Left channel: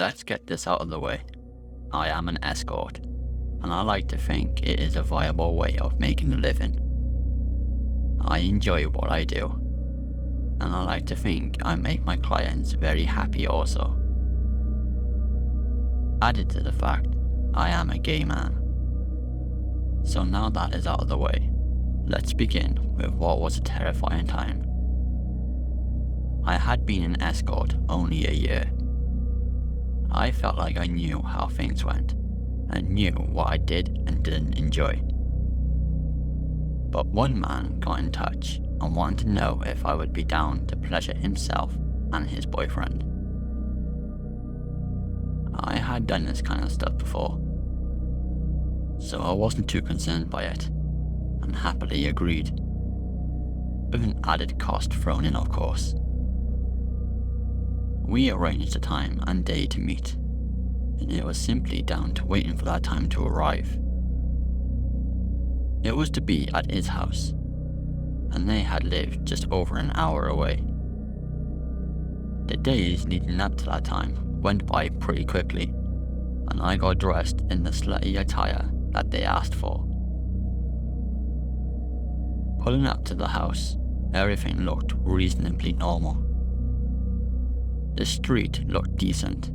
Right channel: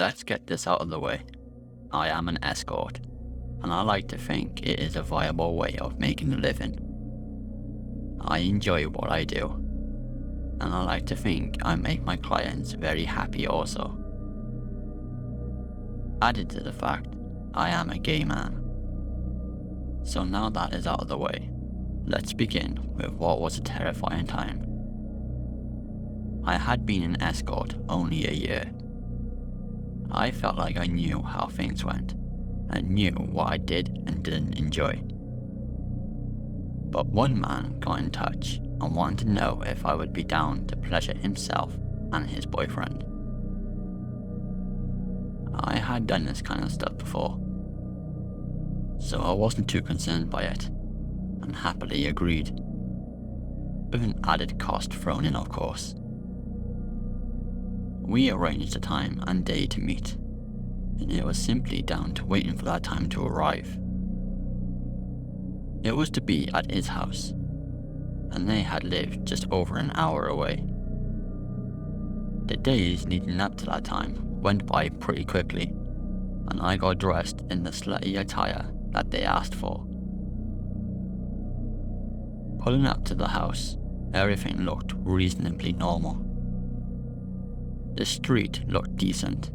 let's get this out of the way. I am an escort, and I like to think it is a viable way of making a living. I enjoy what I do, and I like to think I make my clients very happy also. Added to the fact, I am a gay man. So now that is out of the way, let's begin with what was a terrifying time. I had been an escort only a year. I felt like I knew how things went, and knew what I did and didn't enjoy. But one man got in touch and wanted to know if I would be down to pleasure himself and his boyfriend. I had done this kind of stuff before, so I wasn't too concerned by it, and happily agreed. With an added cost thrown in, of course. We arranged a time and day to meet, and it was simply down to waiting for that time to arrive. It was to be at his house, and they had lived just over an hour away. The days leading up to that time went by pretty quickly, and I got dressed in the slutty attire that they asked for. Pulling up to the house, everything looked reasonably normal. The street looked decent.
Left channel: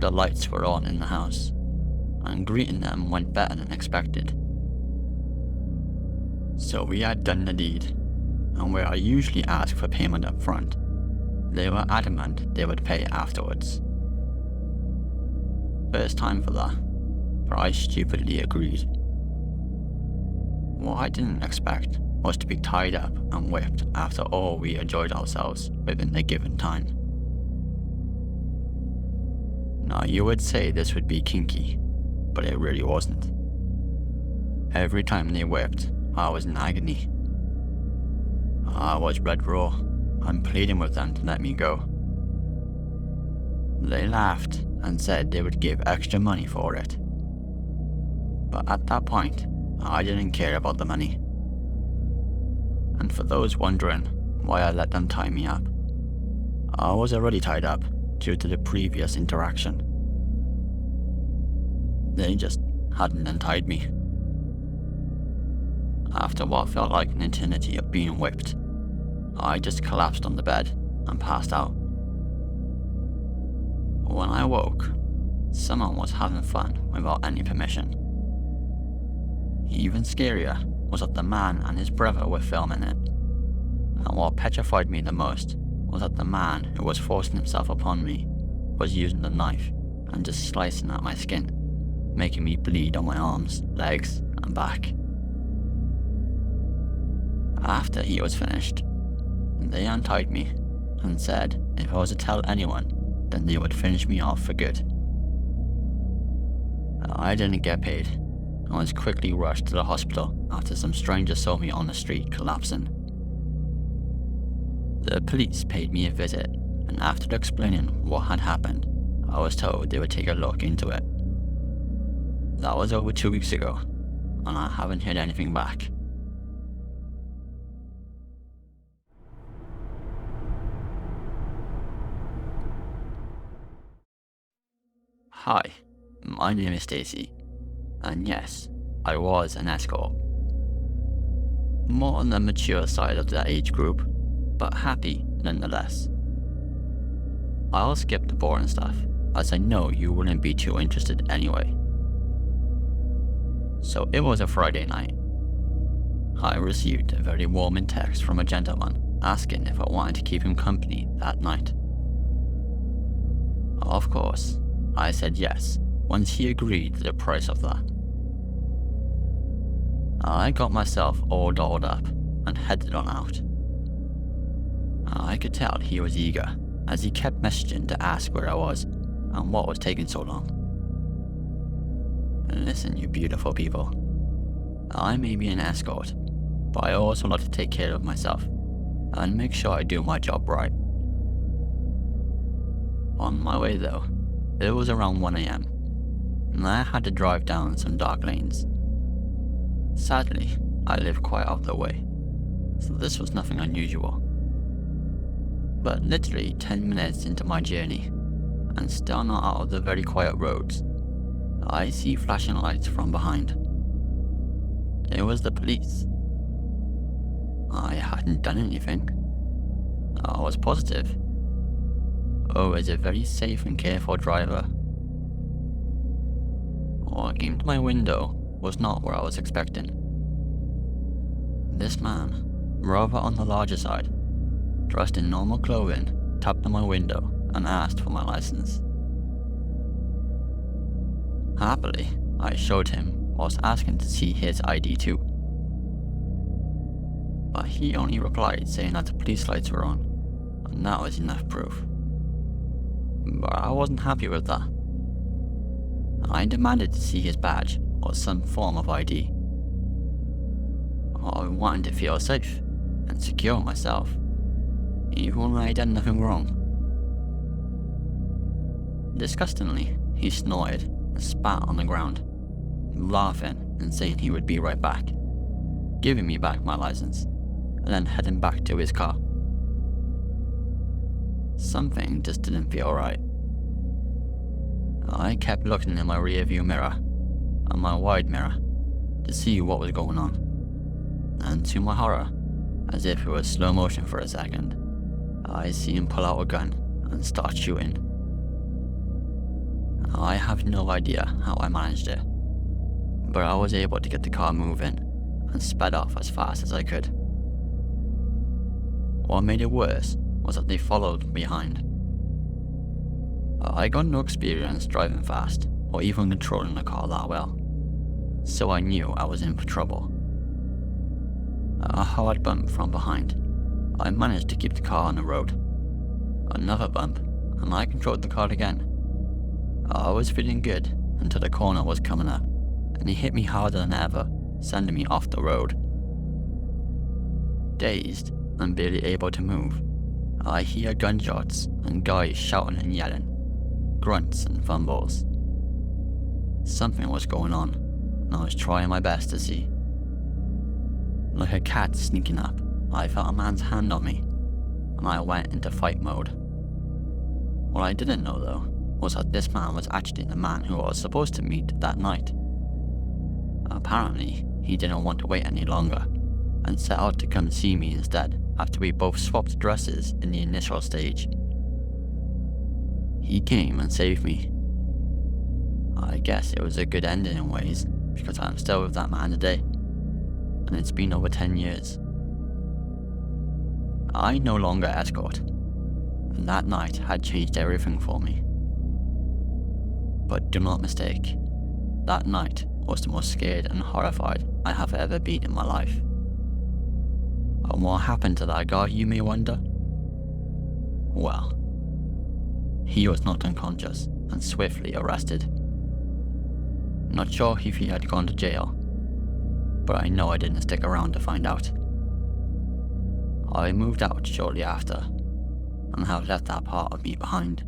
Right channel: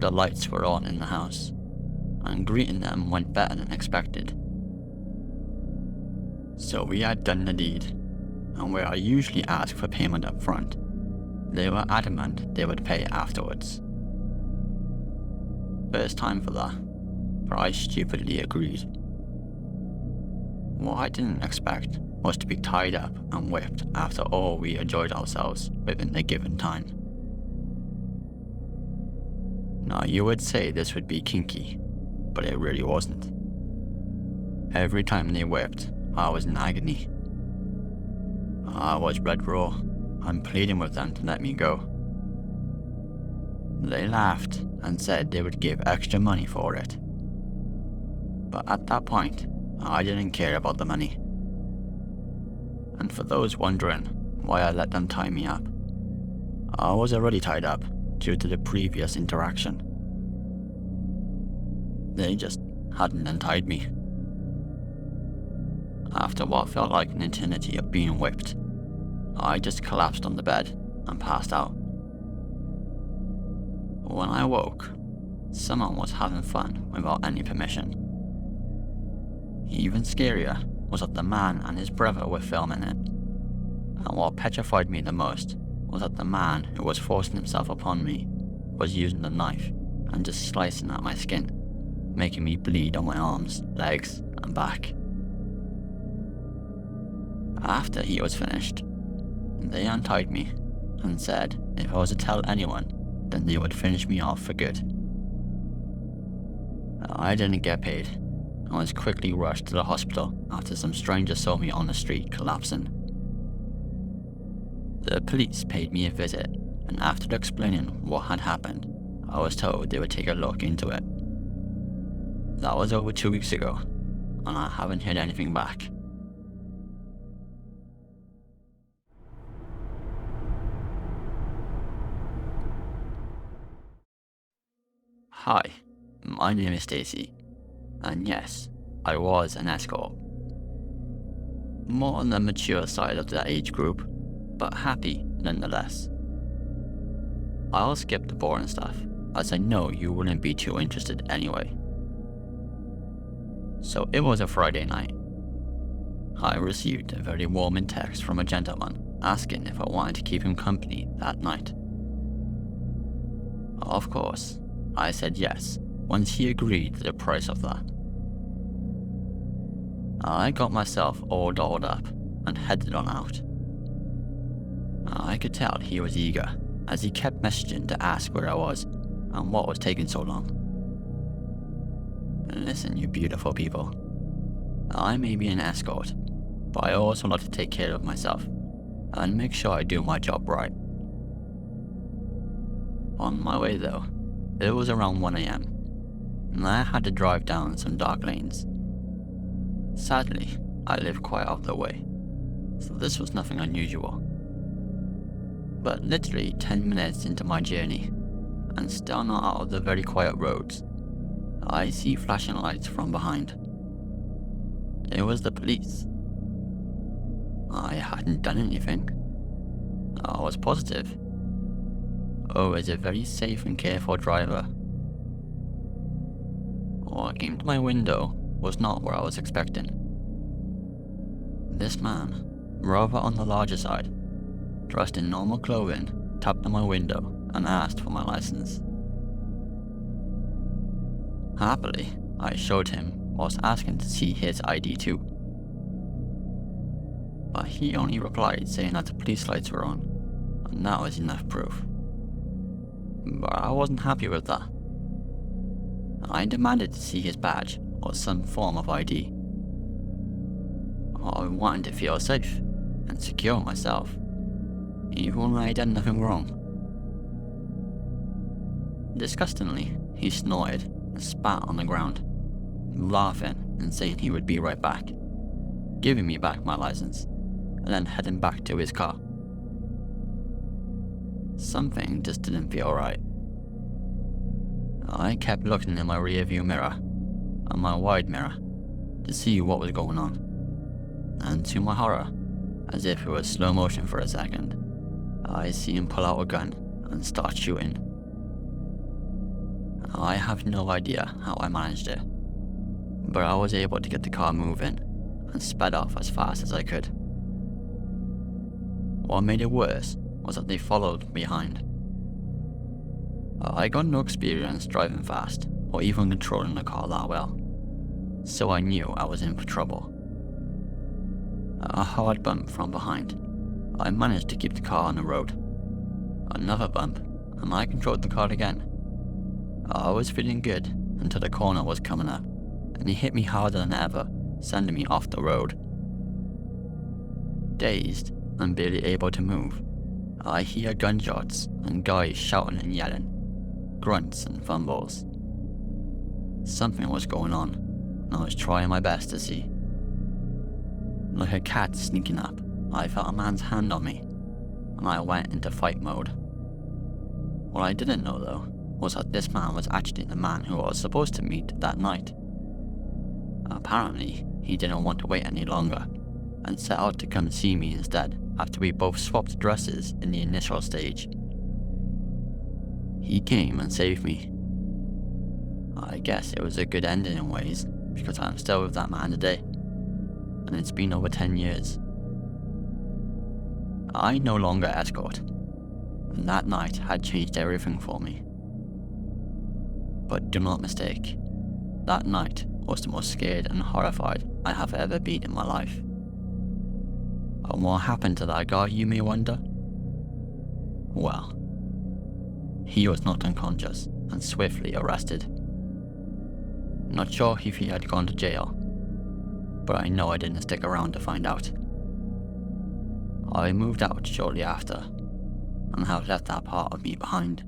The lights were on in the house, and greeting them went better than expected. So we had done the deed, and where I usually ask for payment up front, they were adamant they would pay afterwards. First time for that, but I stupidly agreed. What I didn't expect was to be tied up and whipped after all we enjoyed ourselves within the given time. Now you would say this would be kinky, but it really wasn't. Every time they whipped, I was in agony. I was red raw and pleading with them to let me go. They laughed and said they would give extra money for it. But at that point, I didn't care about the money. And for those wondering why I let them tie me up, I was already tied up due to the previous interaction. They just hadn't untied me. After what felt like an eternity of being whipped, I just collapsed on the bed and passed out. When I woke, someone was having fun without any permission. Even scarier was that the man and his brother were filming it. And what petrified me the most was that the man who was forcing himself upon me was using the knife and just slicing at my skin, making me bleed on my arms, legs, and back. After he was finished, they untied me and said if I was to tell anyone, then they would finish me off for good. I didn't get paid and was quickly rushed to the hospital after some stranger saw me on the street collapsing. The police paid me a visit, and after explaining what had happened, I was told they would take a look into it. That was over 2 weeks ago, and I haven't heard anything back. Hi, my name is Stacy, and yes, I was an escort. More on the mature side of the age group, but happy nonetheless. I'll skip the boring stuff, as I know you wouldn't be too interested anyway. So it was a Friday night. I received a very warming text from a gentleman asking if I wanted to keep him company that night. Of course, I said yes, once he agreed to the price of that. I got myself all dolled up and headed on out. I could tell he was eager, as he kept messaging to ask where I was and what was taking so long. Listen, you beautiful people. I may be an escort, but I also like to take care of myself and make sure I do my job right. On my way though, it was around 1 AM, and I had to drive down some dark lanes. Sadly, I live quite out of the way, so this was nothing unusual. But literally 10 minutes into my journey, and still not out of the very quiet roads, I see flashing lights from behind. It was the police. I hadn't done anything. I was positive. Always a very safe and careful driver. What came to my window was not what I was expecting. This man, rather on the larger side, dressed in normal clothing, tapped on my window and asked for my license. Happily, I showed him whilst asking to see his ID too. But he only replied saying that the police lights were on, and that was enough proof. But I wasn't happy with that. I demanded to see his badge or some form of ID. I wanted to feel safe and secure myself, even when I had done nothing wrong. Disgustingly, he snorted and spat on the ground, laughing and saying he would be right back, giving me back my license, and then heading back to his car. Something just didn't feel right. I kept looking in my rearview mirror and my wide mirror to see what was going on, and to my horror, as if it was slow motion for a second, I see him pull out a gun and start shooting. I have no idea how I managed it, but I was able to get the car moving and sped off as fast as I could. What made it worse was that they followed behind. I got no experience driving fast or even controlling the car that well, so I knew I was in for trouble. A hard bump from behind, I managed to keep the car on the road. Another bump, and I controlled the car again. I was feeling good until the corner was coming up, and he hit me harder than ever, sending me off the road. Dazed and barely able to move, I hear gunshots and guys shouting and yelling, grunts and fumbles. Something was going on, and I was trying my best to see. Like a cat sneaking up, I felt a man's hand on me, and I went into fight mode. What I didn't know though, was that this man was actually the man who I was supposed to meet that night. Apparently, he didn't want to wait any longer, and set out to come see me instead after we both swapped dresses in the initial stage. He came and saved me. I guess it was a good ending in ways, because I'm still with that man today, and it's been over 10 years. I no longer escort, and that night had changed everything for me. But do not mistake, that night was the most scared and horrified I have ever been in my life. And what happened to that guy, you may wonder? Well, he was knocked unconscious and swiftly arrested. Not sure if he had gone to jail, but I know I didn't stick around to find out. I moved out shortly after, and have left that part of me behind.